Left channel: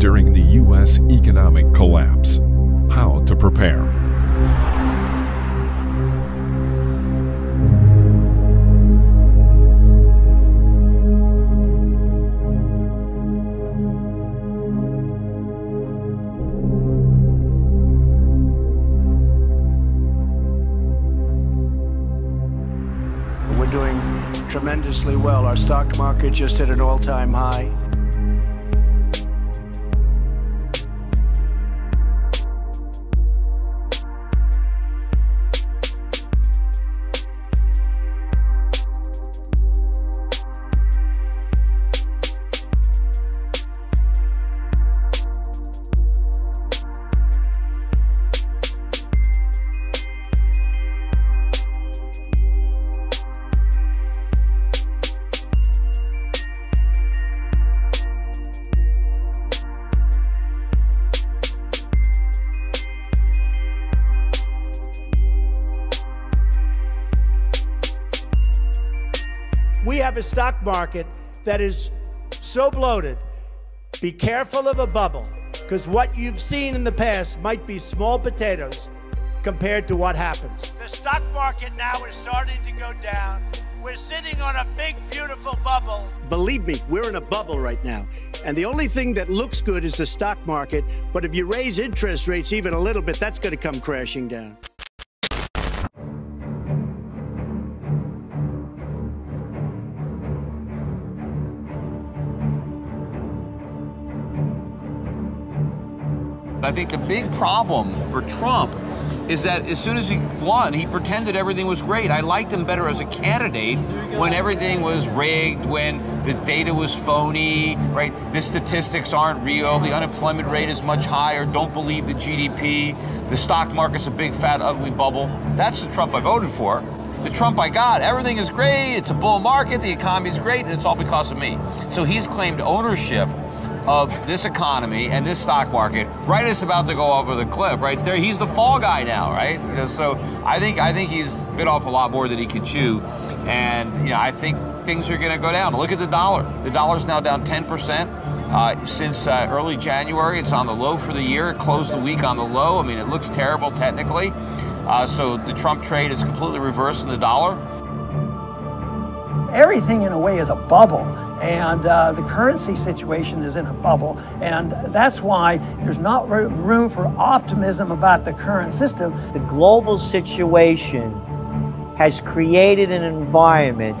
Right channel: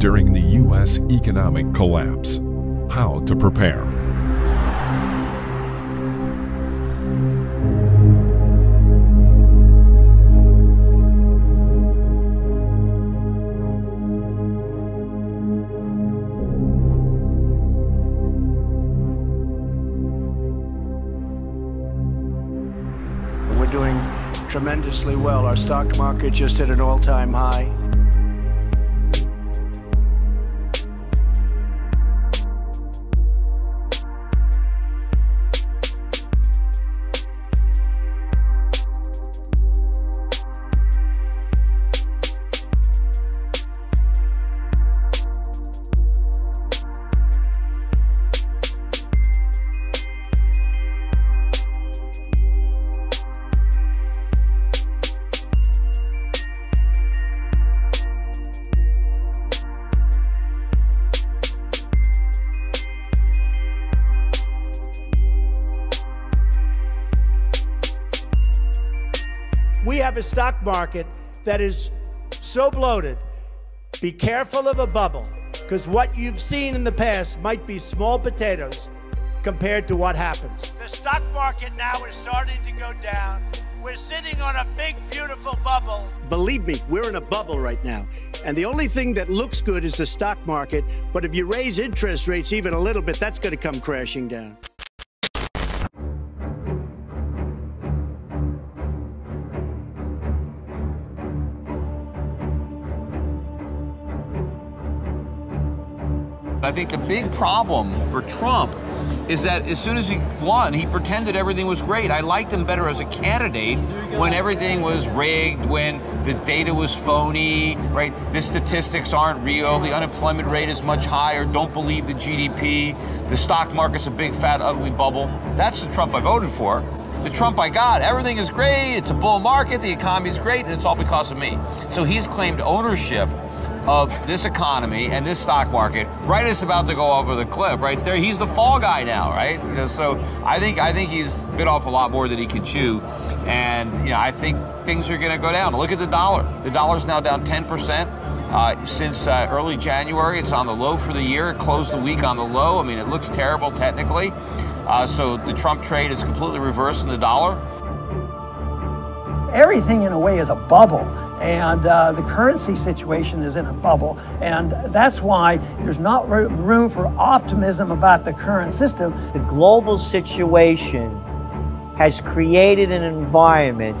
during the U.S. economic collapse. How to prepare. We're doing tremendously well. Our stock market just hit an all-time high. We have a stock market that is so bloated. Be careful of a bubble, because what you've seen in the past might be small potatoes compared to what happens. The stock market now is starting to go down. We're sitting on a big, beautiful bubble. Believe me, we're in a bubble right now. And the only thing that looks good is the stock market. But if you raise interest rates even a little bit, that's going to come crashing down. I think the big problem for Trump is that as soon as he won, he pretended everything was great. I liked him better as a candidate when everything was rigged, when the data was phony, right? The statistics aren't real, the unemployment rate is much higher, don't believe the GDP, the stock market's a big, fat, ugly bubble. That's the Trump I voted for. The Trump I got, everything is great, it's a bull market, the economy's great, and it's all because of me. So he's claimed ownership of this economy and this stock market right as it's about to go over the cliff, right there. He's the fall guy now, right? So I think he's bit off a lot more than he can chew, and I think things are going to go down. Look at the dollar. The dollar's now down 10% since early January. It's on the low for the year. It closed the week on the low. I mean, it looks terrible technically. So the Trump trade is completely reversed in the dollar. Everything in a way is a bubble. And the currency situation is in a bubble, and that's why there's not room for optimism about the current system. The global situation has created an environment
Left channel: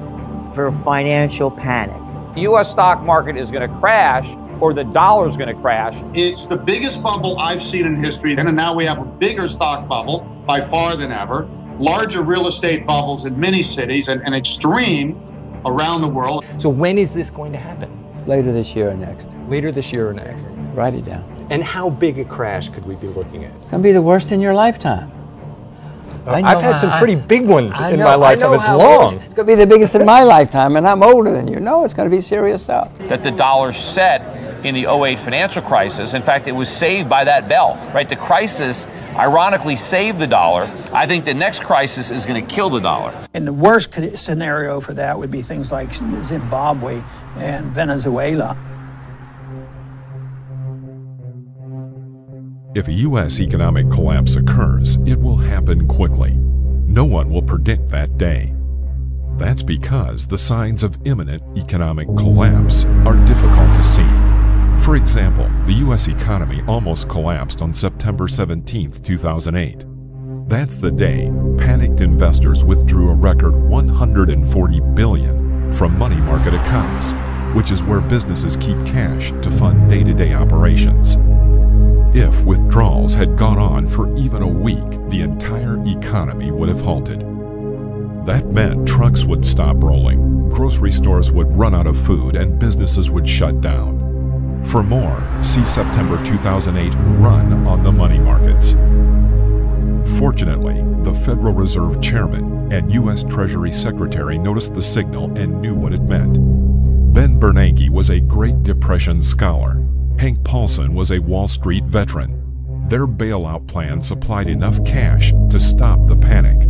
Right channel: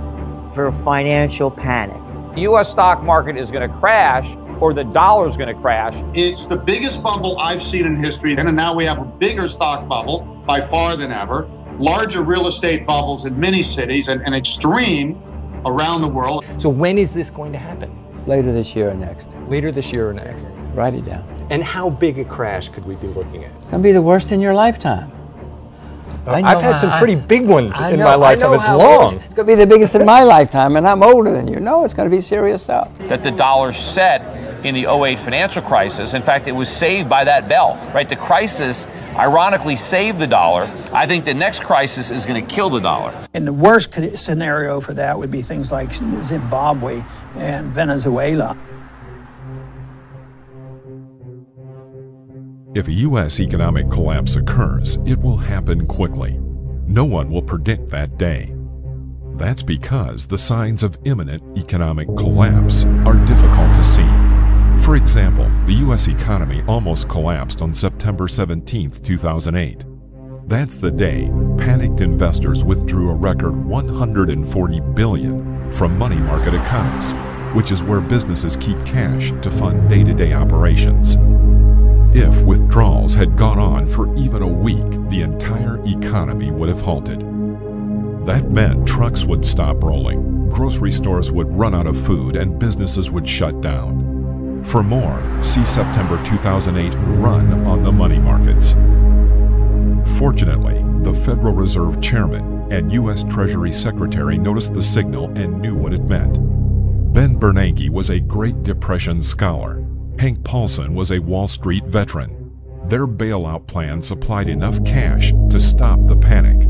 for financial panic. The U.S. stock market is going to crash, or the dollar is going to crash. It's the biggest bubble I've seen in history, and now we have a bigger stock bubble by far than ever, larger real estate bubbles in many cities, and an extreme around the world. So when is this going to happen? Later this year or next. Later this year or next. Write it down. And how big a crash could we be looking at? It's going to be the worst in your lifetime. I've had some pretty big ones in my lifetime. It's long. It's going to be the biggest in my lifetime, and I'm older than you. No, it's going to be serious stuff. That the dollar set in the 2008 financial crisis. In fact, it was saved by that bell, right? The crisis ironically saved the dollar. I think the next crisis is going to kill the dollar. And the worst scenario for that would be things like Zimbabwe and Venezuela. If a U.S. economic collapse occurs, it will happen quickly. No one will predict that day. That's because the signs of imminent economic collapse are difficult to see. For example, the U.S. economy almost collapsed on September 17, 2008. That's the day panicked investors withdrew a record $140 billion from money market accounts, which is where businesses keep cash to fund day-to-day operations. If withdrawals had gone on for even a week, the entire economy would have halted. That meant trucks would stop rolling, grocery stores would run out of food, and businesses would shut down. For more, see September 2008 run on the money markets. Fortunately, the Federal Reserve Chairman and U.S. Treasury Secretary noticed the signal and knew what it meant. Ben Bernanke was a Great Depression scholar. Hank Paulson was a Wall Street veteran. Their bailout plan supplied enough cash to stop the panic.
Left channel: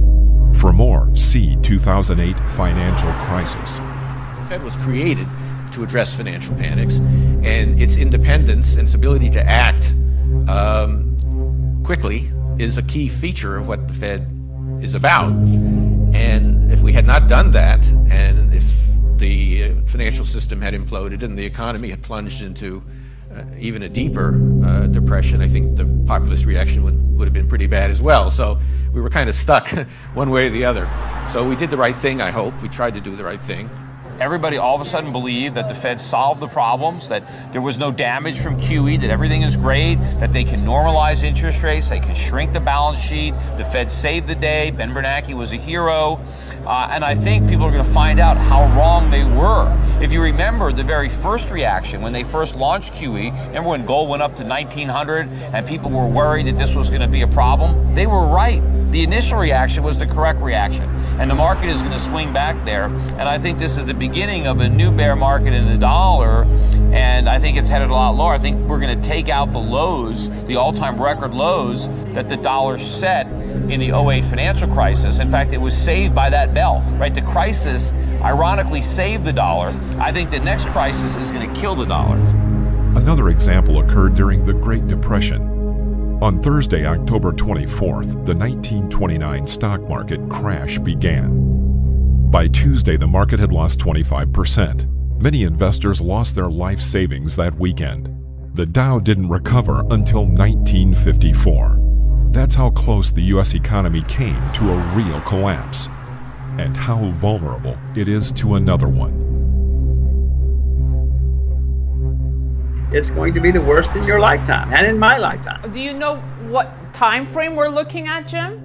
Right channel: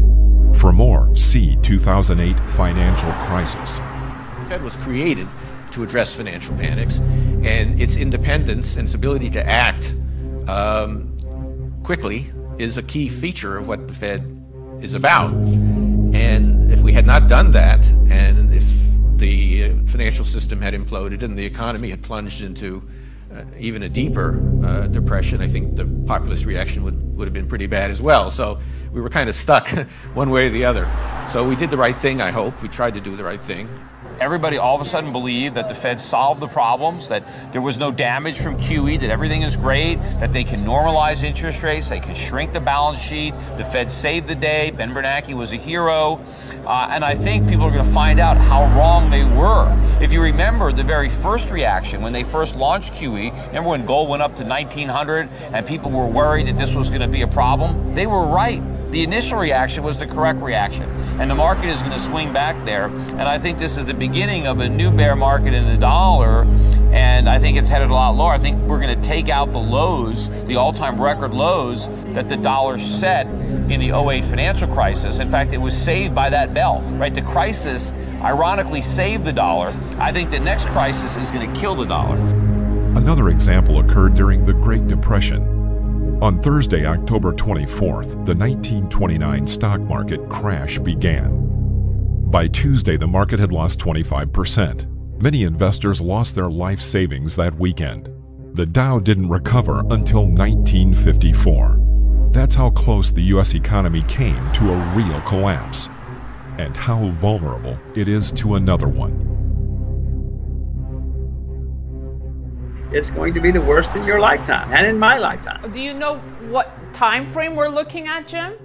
For more, see 2008 financial crisis. The Fed was created to address financial panics, And its independence and its ability to act quickly is a key feature of what the Fed is about. And if we had not done that, and if the financial system had imploded and the economy had plunged into even a deeper depression, I think the populist reaction would have been pretty bad as well. So we were kind of stuck one way or the other. So we did the right thing, I hope. We tried to do the right thing. Everybody all of a sudden believed that the Fed solved the problems, that there was no damage from QE, that everything is great, that they can normalize interest rates, they can shrink the balance sheet, the Fed saved the day, Ben Bernanke was a hero. And I think people are going to find out how wrong they were. If you remember the very first reaction when they first launched QE, remember when gold went up to 1900 and people were worried that this was going to be a problem? They were right. The initial reaction was the correct reaction. And the market is going to swing back there. And I think this is the beginning of a new bear market in the dollar. And I think it's headed a lot lower. I think we're going to take out the lows, the all-time record lows that the dollar set in the 08 financial crisis. In fact, it was saved by that bell, right? The crisis ironically saved the dollar. I think the next crisis is going to kill the dollar. Another example occurred during the Great Depression. On Thursday, October 24th, the 1929 stock market crash began. By Tuesday, the market had lost 25%. Many investors lost their life savings that weekend. The Dow didn't recover until 1954. That's how close the U.S. economy came to a real collapse, and how vulnerable it is to another one. It's going to be the worst in your lifetime and in my lifetime. Do you know what time frame we're looking at, Jim?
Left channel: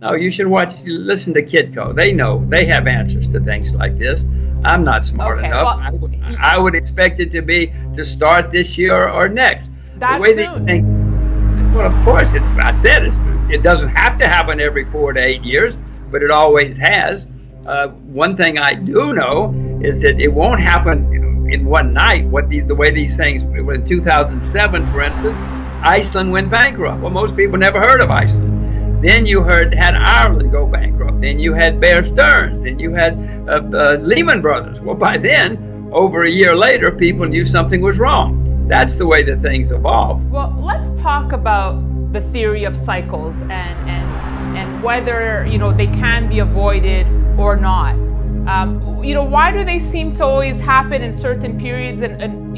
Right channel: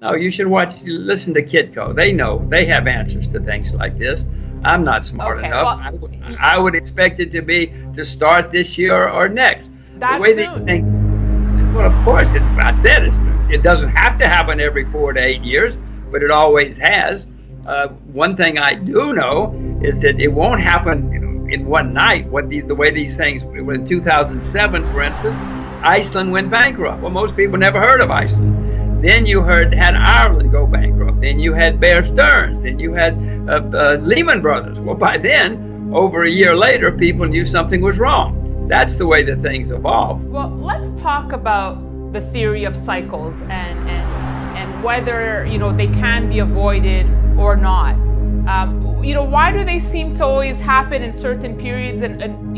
No, you should listen to Kitco. They know, they have answers to things like this. I'm not smart enough. Well, I would expect it to start this year or next. That the way soon. these things, well, of course, it doesn't have to happen every 4 to 8 years, but it always has. One thing I do know is that it won't happen in one night. The way these things, in 2007, for instance, Iceland went bankrupt. Well, most people never heard of Iceland. Then you had Ireland go bankrupt. Then you had Bear Stearns. Then you had Lehman Brothers. Well, by then, over a year later, people knew something was wrong. That's the way that things evolve. Well, let's talk about the theory of cycles and whether they can be avoided or not. Why do they seem to always happen in certain periods? And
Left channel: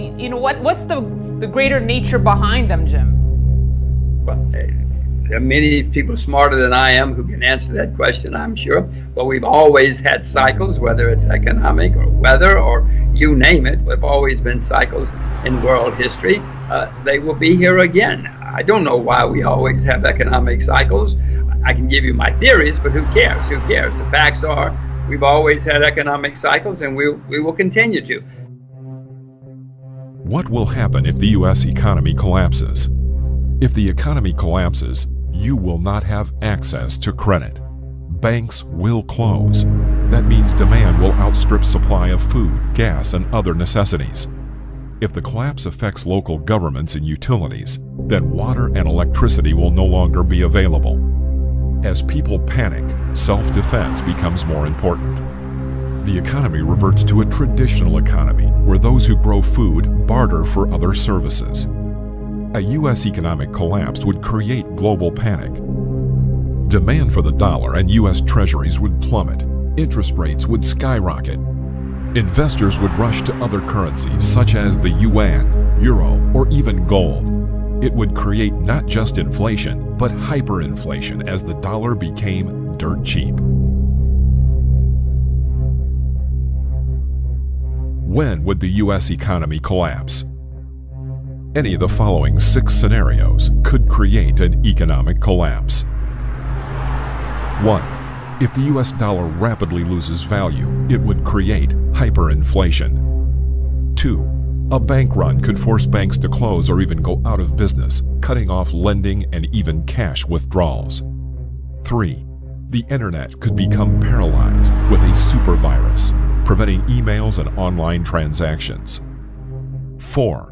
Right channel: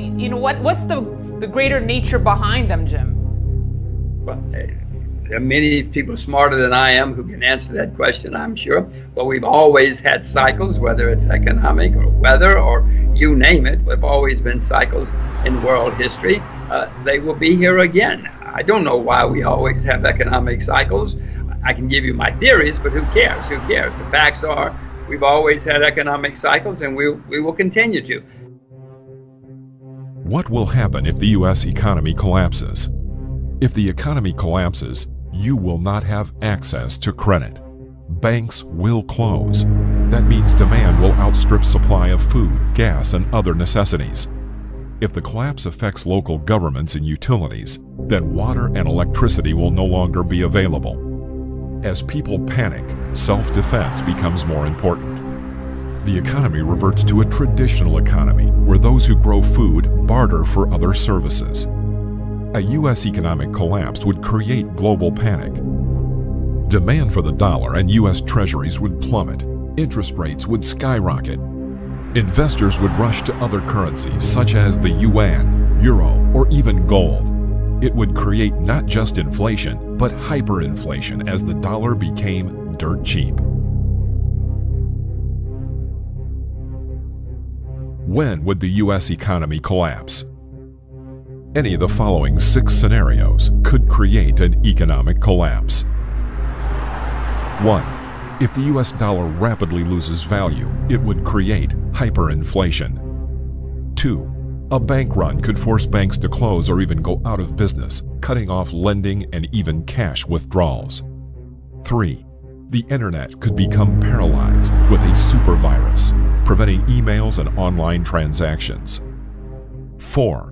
what's the greater nature behind them, Jim? Well, there are many people smarter than I am who can answer that question, I'm sure. But we've always had cycles, whether it's economic or weather or you name it. We've always been cycles in world history. They will be here again. I don't know why we always have economic cycles. I can give you my theories, but who cares? Who cares? The facts are we've always had economic cycles, and we will continue to. What will happen if the U.S. economy collapses? If the economy collapses, you will not have access to credit. Banks will close. That means demand will outstrip supply of food, gas, and other necessities. If the collapse affects local governments and utilities, then water and electricity will no longer be available. As people panic, self-defense becomes more important. The economy reverts to a traditional economy where those who grow food barter for other services. A U.S. economic collapse would create global panic. Demand for the dollar and U.S. treasuries would plummet. Interest rates would skyrocket. Investors would rush to other currencies such as the yuan, euro, or even gold. It would create not just inflation, but hyperinflation as the dollar became dirt cheap. When would the U.S. economy collapse? Any of the following 6 scenarios could create an economic collapse. 1. If the U.S. dollar rapidly loses value, it would create hyperinflation. 2. A bank run could force banks to close or even go out of business, cutting off lending and even cash withdrawals. 3. The internet could become paralyzed with a super virus, preventing emails and online transactions. 4.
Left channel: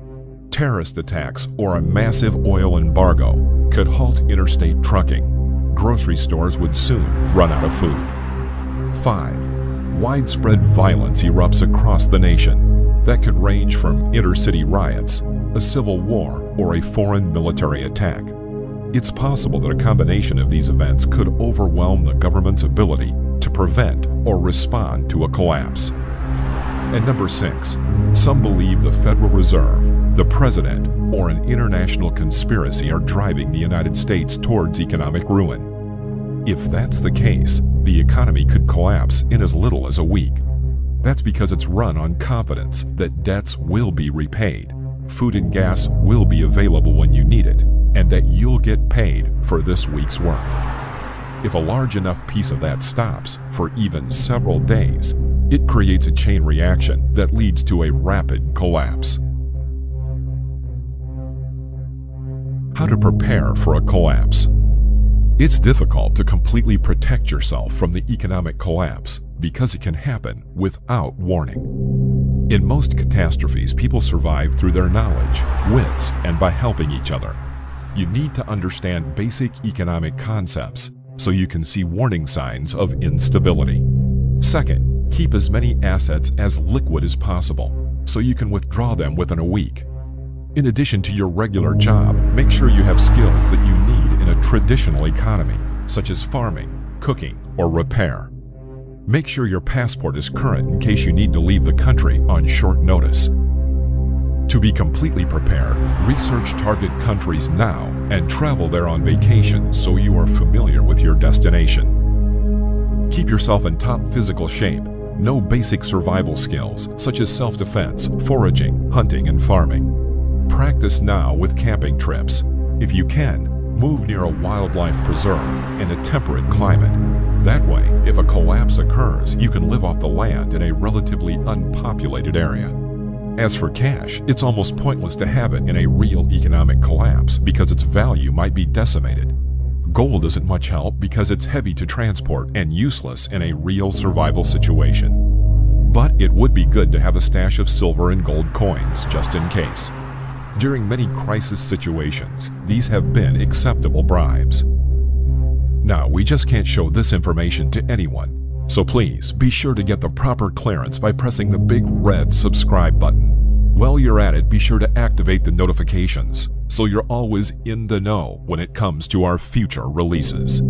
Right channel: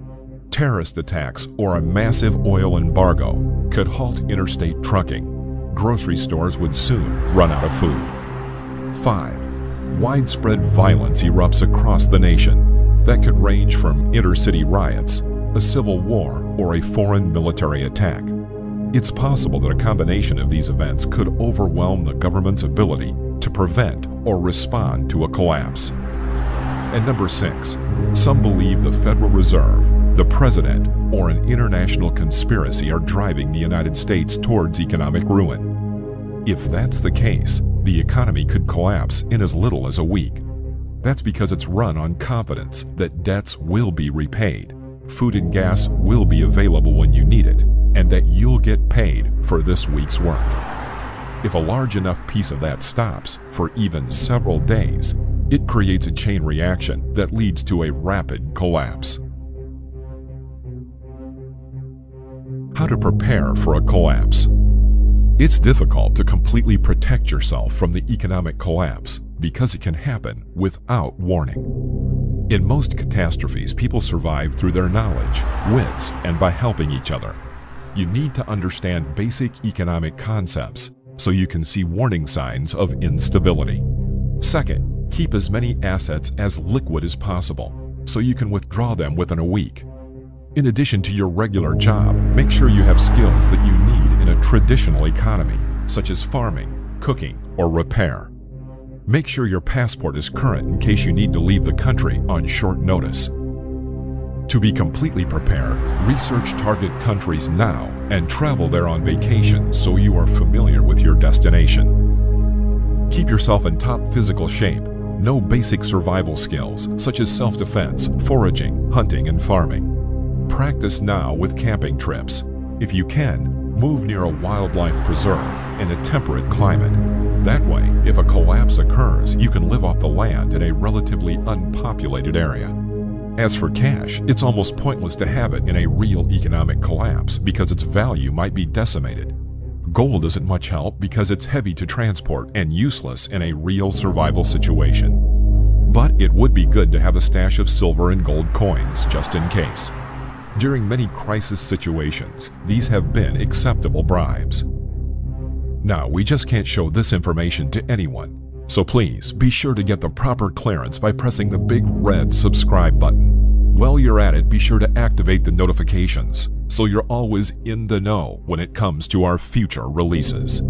Terrorist attacks or a massive oil embargo could halt interstate trucking. Grocery stores would soon run out of food. 5. Widespread violence erupts across the nation. That could range from inter-city riots, a civil war, or a foreign military attack. It's possible that a combination of these events could overwhelm the government's ability to prevent or respond to a collapse. And number 6, some believe the Federal Reserve, the President, or an international conspiracy are driving the United States towards economic ruin. If that's the case, the economy could collapse in as little as a week. That's because it's run on confidence that debts will be repaid, food and gas will be available when you need it, and that you'll get paid for this week's work. If a large enough piece of that stops for even several days, it creates a chain reaction that leads to a rapid collapse. How to prepare for a collapse. It's difficult to completely protect yourself from the economic collapse because it can happen without warning. In most catastrophes, people survive through their knowledge, wits, and by helping each other. You need to understand basic economic concepts so you can see warning signs of instability. Second, keep as many assets as liquid as possible so you can withdraw them within a week. In addition to your regular job, make sure you have skills that you need in a traditional economy, such as farming, cooking, or repair. Make sure your passport is current in case you need to leave the country on short notice. To be completely prepared, research target countries now and travel there on vacation so you are familiar with your destination. Keep yourself in top physical shape. Know basic survival skills such as self-defense, foraging, hunting, and farming. Practice now with camping trips. If you can, move near a wildlife preserve in a temperate climate. That way, if a collapse occurs, you can live off the land in a relatively unpopulated area. As for cash, it's almost pointless to have it in a real economic collapse because its value might be decimated. Gold isn't much help because it's heavy to transport and useless in a real survival situation. But it would be good to have a stash of silver and gold coins just in case. During many crisis situations, these have been acceptable bribes. Now, we just can't show this information to anyone, so please be sure to get the proper clearance by pressing the big red subscribe button. While you're at it, be sure to activate the notifications so you're always in the know when it comes to our future releases.